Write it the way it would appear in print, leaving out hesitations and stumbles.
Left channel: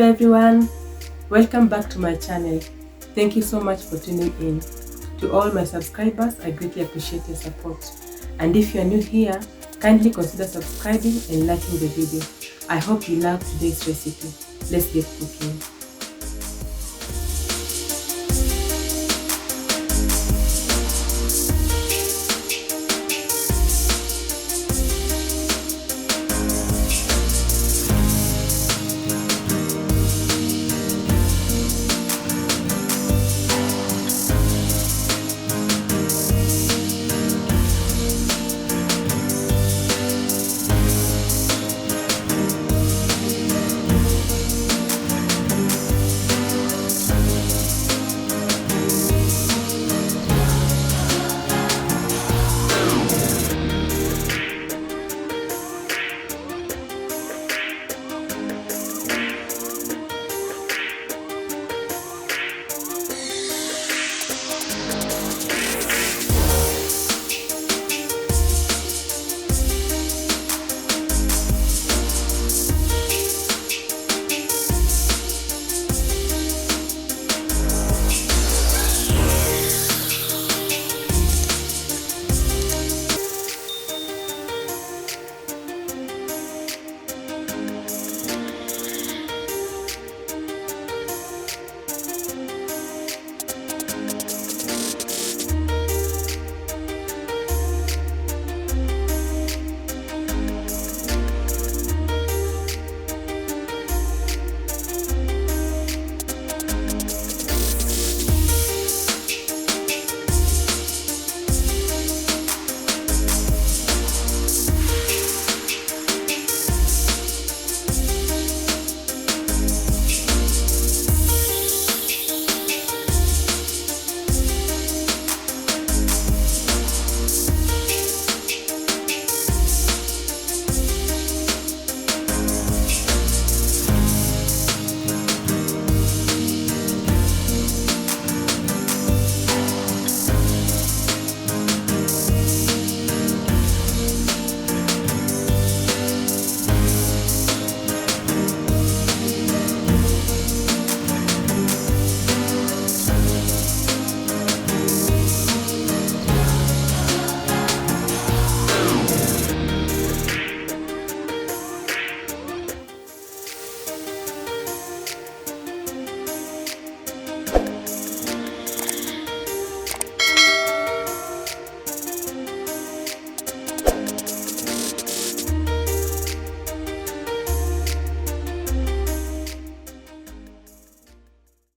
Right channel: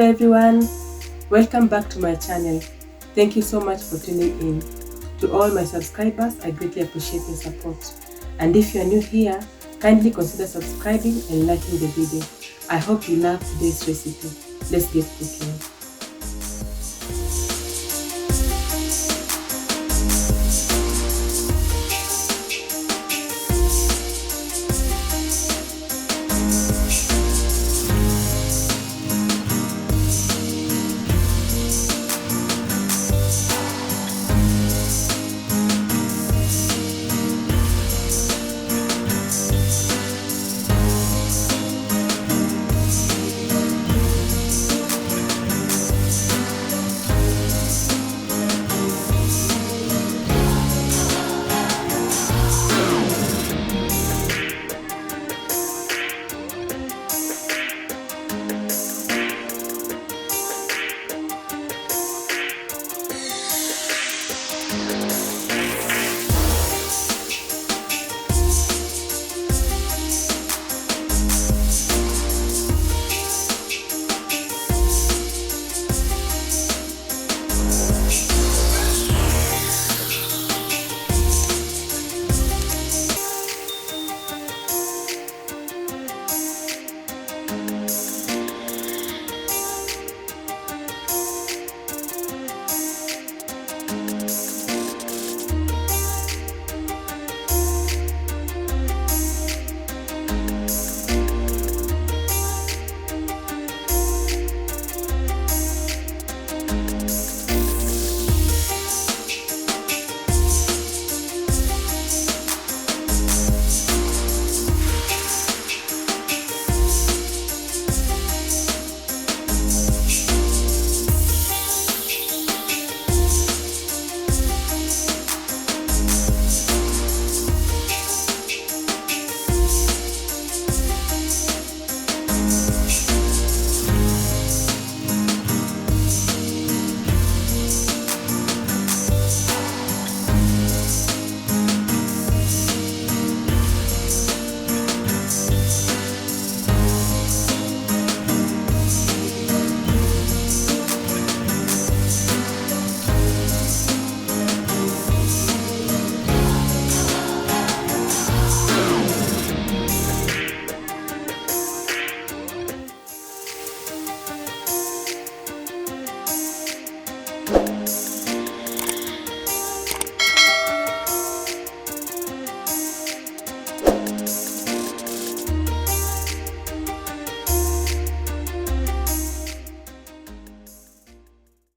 Hello everyone, welcome back to my channel. Thank you so much for tuning in. To all my subscribers, I greatly appreciate your support. And if you are new here, kindly consider subscribing and liking the video. I hope you love today's recipe. Let's get cooking.